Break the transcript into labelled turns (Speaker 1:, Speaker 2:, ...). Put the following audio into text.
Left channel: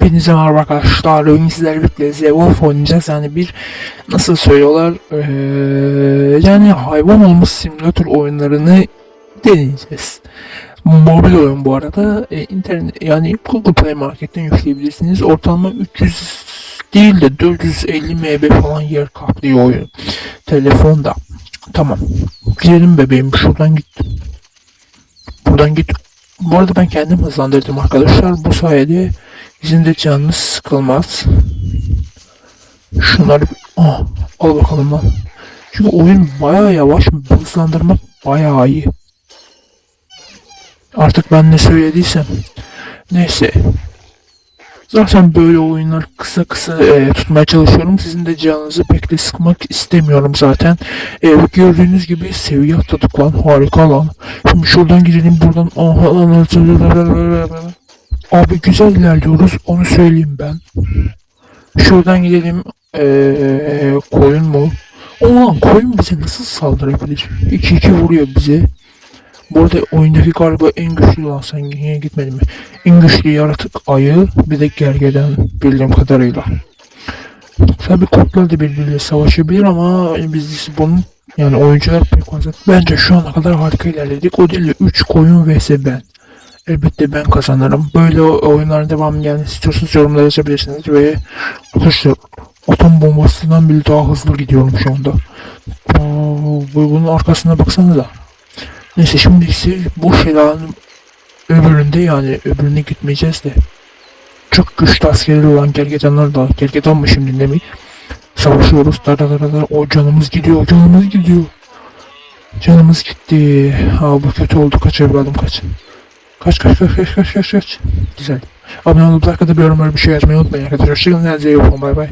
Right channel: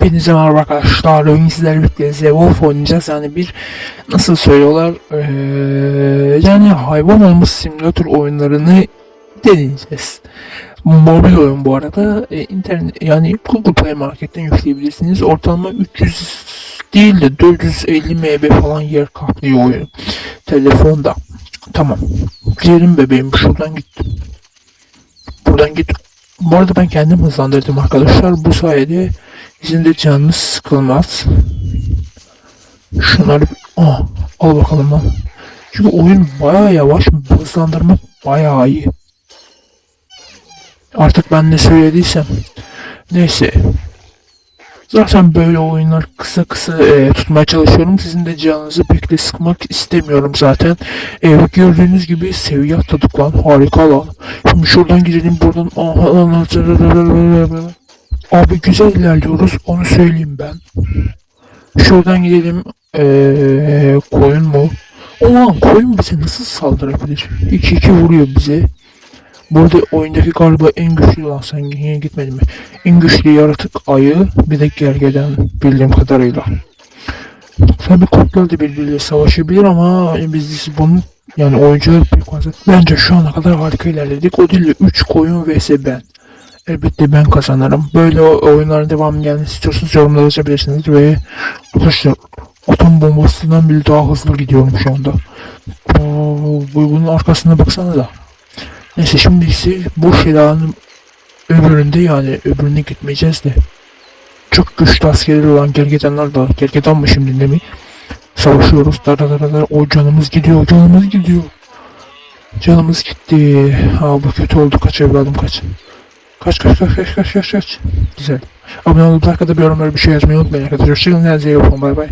Speaker 1: Hepinize merhaba arkadaşlar. Bugün sizlerle birlikte Zewolf oynayacağız. Yani bir nasıl söylüyorlar eee, yani hayvan olma simülatör oyunlarını deneyeceğiz. Mobil oyun bu arada. E, internet yani Google Play Market'ten yükleyebilirsiniz. Ortalama 300 değil de 450 MB falan yer kaplıyor oyun. Telefonda. Tamam. Gidelim bebeğim şuradan gittim. Buradan git. Bu arada ben kendim hızlandırdım arkadaşlar. Bu sayede sizin de canınız sıkılmaz. Şunları Aa, al bakalım lan. Çünkü oyun bayağı yavaş. Hızlandırmak bayağı iyi. Artık ben ne söylediysem. Neyse. Zaten böyle oyunları kısa kısa e, tutmaya çalışıyorum. Sizin de canınızı pek de sıkmak istemiyorum zaten. E, gördüğünüz gibi seviye atladık lan. Harika lan. Şimdi şuradan gidelim buradan. Aha, Abi güzel ilerliyoruz. Onu söyleyeyim ben. Şuradan gidelim. Ee, koyun mu? Aa koyun bize nasıl saldırabilir? 2-2 vuruyor bize. Burada oyundaki galiba en güçlü olan sen niye gitmedin mi? En güçlü yaratık ayı bir de gergeden bildiğim kadarıyla. Tabi kurtlar da birbiriyle savaşabilir ama biz bunun yani oyuncular pek fazla. Bence şu ana kadar harika ilerledik. O değil 3 koyun vs ben. Elbette ben kazanırım. Böyle oyunların devamı gelmesi istiyorsanız yorumlara yazabilirsiniz ve arkadaşlar atom bombasından bile daha hızlı gidiyorum şu anda. Bu- bunun arkasına baksanıza. Neyse şimdi ise bu şelalinin öbüründe yani öbürüne gitmeyeceğiz de. Çok güçlü askerleri olan gergedanlar da gergedan mı şimdi ne mi? Savaşıyoruz. Dara dara dara. O canımız gidiyor. Canımız gidiyor. Canımız gitti. Aa bu kötü oldu. Kaç evladım kaç. Kaç kaç kaç kaç kaç kaç kaç. Güzel. Abone olup arkada bir yorumlara bir şey yazmayı unutmayın arkadaşlar. Hoşçakalın. Kendinize iyi bakın. Bay bay.